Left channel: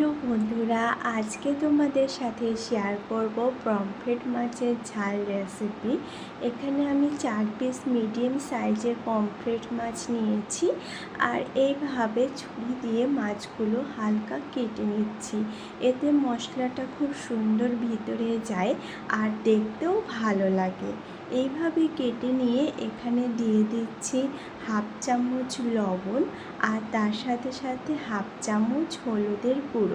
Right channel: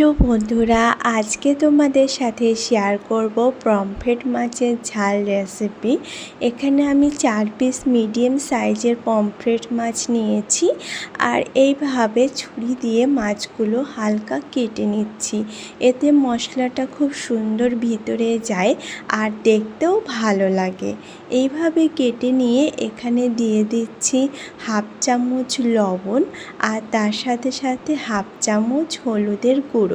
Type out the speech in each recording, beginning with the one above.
Hello বন্ধুরা, আজকে তোমাদের সাথে শেয়ার করব পমফ্রেট মাছের ঝাল রেসিপি এখানে আমি চার পিস মিডিয়াম সাইজের পমফ্রেট মাছ নিয়েছি আর এইভাবে ছুরি দিয়ে মাছগুলো হালকা কেটে নিচ্ছি। এতে মশলাটা খুব সুন্দর ভিতরে যায় আর দেখতেও ভালো লাগে। এইভাবে কেটে নিয়ে এখানে দিয়ে দিচ্ছি হাফ চামচ লবণ আর তার সাথে সাথে হাফ চামচ হলুদের গুঁড়ো।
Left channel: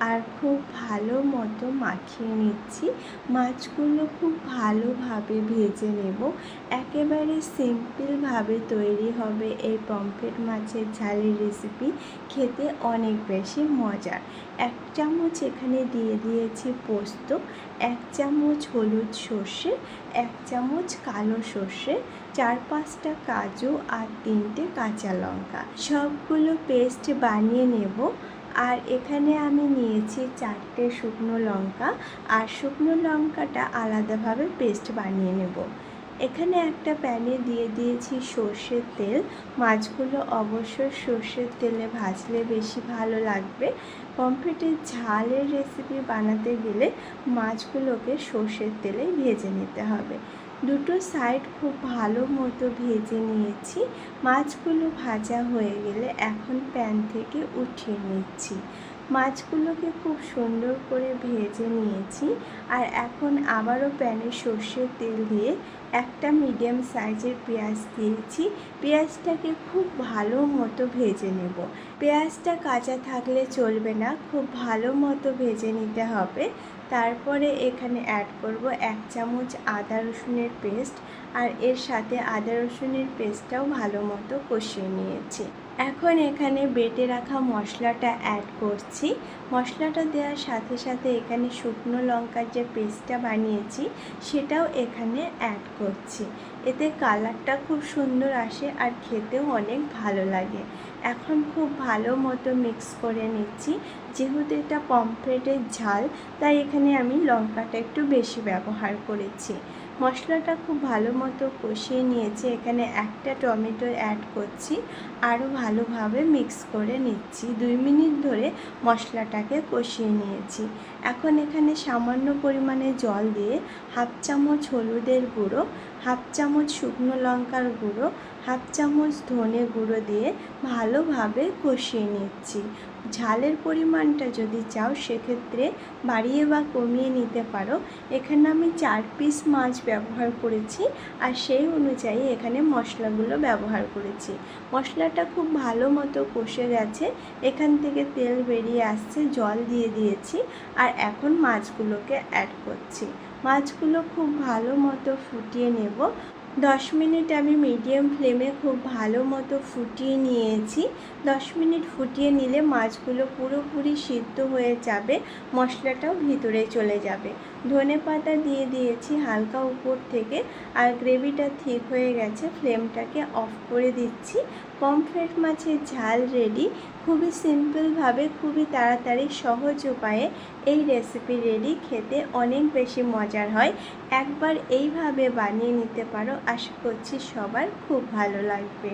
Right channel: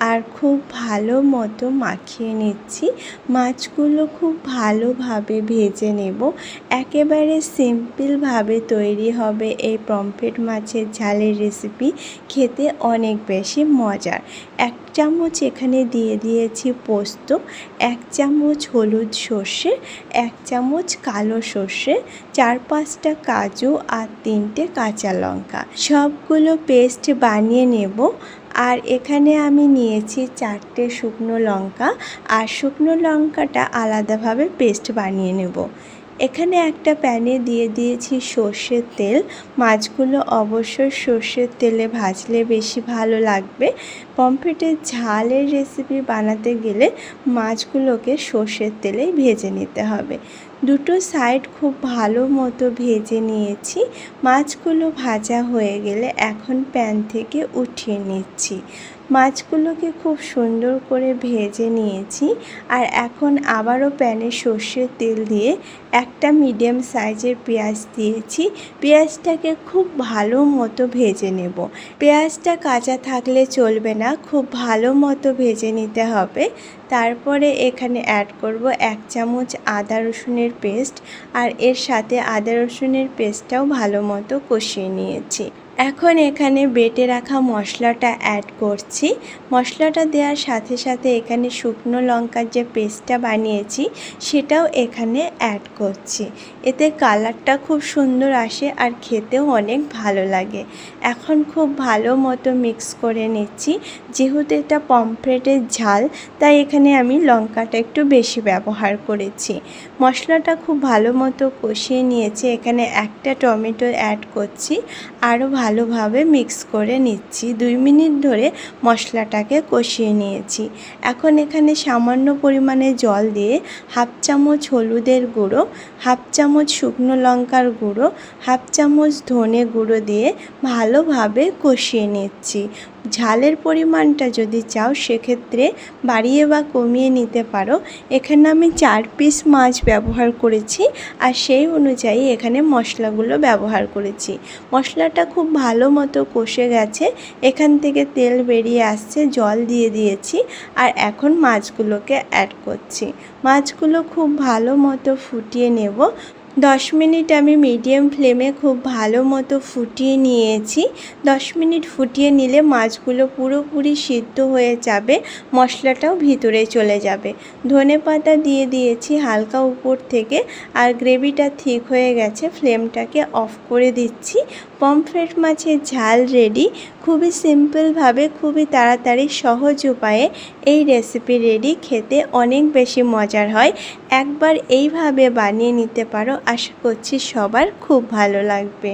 আর খুব ভালো মতো মাখিয়ে নিচ্ছি। মাছগুলো খুব ভালোভাবে ভেজে নেব। একেবারে সিম্পলভাবে তৈরি হবে এই পমফ্রেট মাছের ঝালের রেসিপি। খেতে অনেক বেশি মজার। এক চামচ এখানে দিয়ে দিয়েছি পোস্ত, এক চামচ হলুদ সর্ষে, এক চামচ কালো সর্ষে, চার পাঁচটা কাজু আর তিনটে কাঁচা লঙ্কা। সবগুলো পেস্ট বানিয়ে নেব। আর এখানে আমি নিয়েছি চারটে শুকনো লঙ্কা আর শুকনো লঙ্কাটা আলাদাভাবে পেস্ট বানিয়ে নেব। এখানে একটা প্যানে দিয়ে দিয়েছি সর্ষের তেল। মাছগুলো অবশ্যই সর্ষের তেলে ভাজলে বেশি ভালো লাগবে। পমফ্রেটের ঝালের রেসিপি বানাতে গেলে মাছগুলোকে সর্ষের তেলেই ভেজে নিতে হবে। দুটো সাইড খুব ভালো মতো ভেজে নিয়েছি। মাছগুলো ভাজা হয়ে গেলে এখন প্যান থেকে উঠিয়ে নিচ্ছি। মাছগুলোকে খুব সুন্দর করে ভেজে নিয়েছি আর এখন আবারও প্যানে সর্ষের তেল দিয়ে একটা মিডিয়াম সাইজের পেঁয়াজ দিয়েছি। পেঁয়াজটাকে খুব ভালো মতো ভেজে নেব। পেঁয়াজটা কাঁচা থাকলে চলবে না, খুব ভালো মতো ভেজে নিতে হবে। তারপরে এখানে অ্যাড করব এক চামচ আদা রসুনের পেস্ট আর এর সাথে আদা রসুনের পেস্টটাও ভালো মতো কষিয়ে নিয়েছি। এখন এখানে বেটে রাখা মশলাটা অ্যাড করছি। মশলাটা দেওয়ার সাথে সাথে এখানে শুকনো লঙ্কার যে পেস্টটা বানিয়েছি, সেটাও এখানে অ্যাড করছি। এতে কালারটা খুব সুন্দর আসে আর খেতেও অনেক ভালো লাগে। এখন খুব ভালো মতো মিক্স করে নিচ্ছি। যেহেতু এটা পমফ্রেটের ঝাল, তাই এখানে আমি লঙ্কাটা একটু বেশি ব্যবহার করেছি। মশলাটা খুব ভালো মতো কষিয়ে নিয়েছি। এখানে একটা টমেটো অ্যাড করছি। আরও ভালোভাবে মিক্স করে নিচ্ছি। দুই মিনিট ধরে মশলাটাকে কষিয়ে নিয়েছি। এখন এখানে সামান্য পরিমাণে জল দিয়ে হাফ চামচ হলুদের গুঁড়ো, হাফ চামচ শুকনো লঙ্কার গুঁড়ো, হাফ চামচ ধনে গুঁড়ো দিয়ে ভালোভাবে কষিয়ে নিচ্ছি। ঝালের পরিমাণটা যদি চাও, সেক্ষেত্রে বাড়িয়ে বা কমিয়ে নিতে পারো। এখানে আমি চার পিস মাছ ব্যবহার করেছি আর সেই অনুযায়ী এখানে মশলাগুলো ব্যবহার করেছি। মশলাটা খুব ভালো মতো কষে গেছে। এখান থেকে তেল বেরিয়ে আসছে, জল দিয়ে দিয়েছি আর এখন মাছগুলোকে অ্যাড করছি। মাছগুলো খুব ভালো মতো ফুটিয়ে নেব। দশ মিনিট আমি মিডিয়াম ফ্লেমে খুব ভালো মতো ফুটিয়ে নিয়েছি। দশ মিনিট ফুটিয়ে নিলে মাছগুলো পুরোপুরি সিদ্ধ হয়ে যাবে, মশলাটাও ভিতরে চলে যাবে। ধনে পাতা দিয়ে দিয়েছি হালকা উপর থেকে আর গ্রেভিটা ঠিক হয়ে গেছে ফ্লেমটাকে অফ করে দিচ্ছি। পমফ্রেট মাছের ঝাল রেডি খুবই সিম্পলভাবে খুবই তাড়াতাড়ি, সহজ উপায়ে এই রেসিপি রেডি খেতে অনেক বেশি মজার হয়। একবার এইভাবে বানিয়ে নিতে পারো। আশা করছি সবার খুব ভালো লাগবে।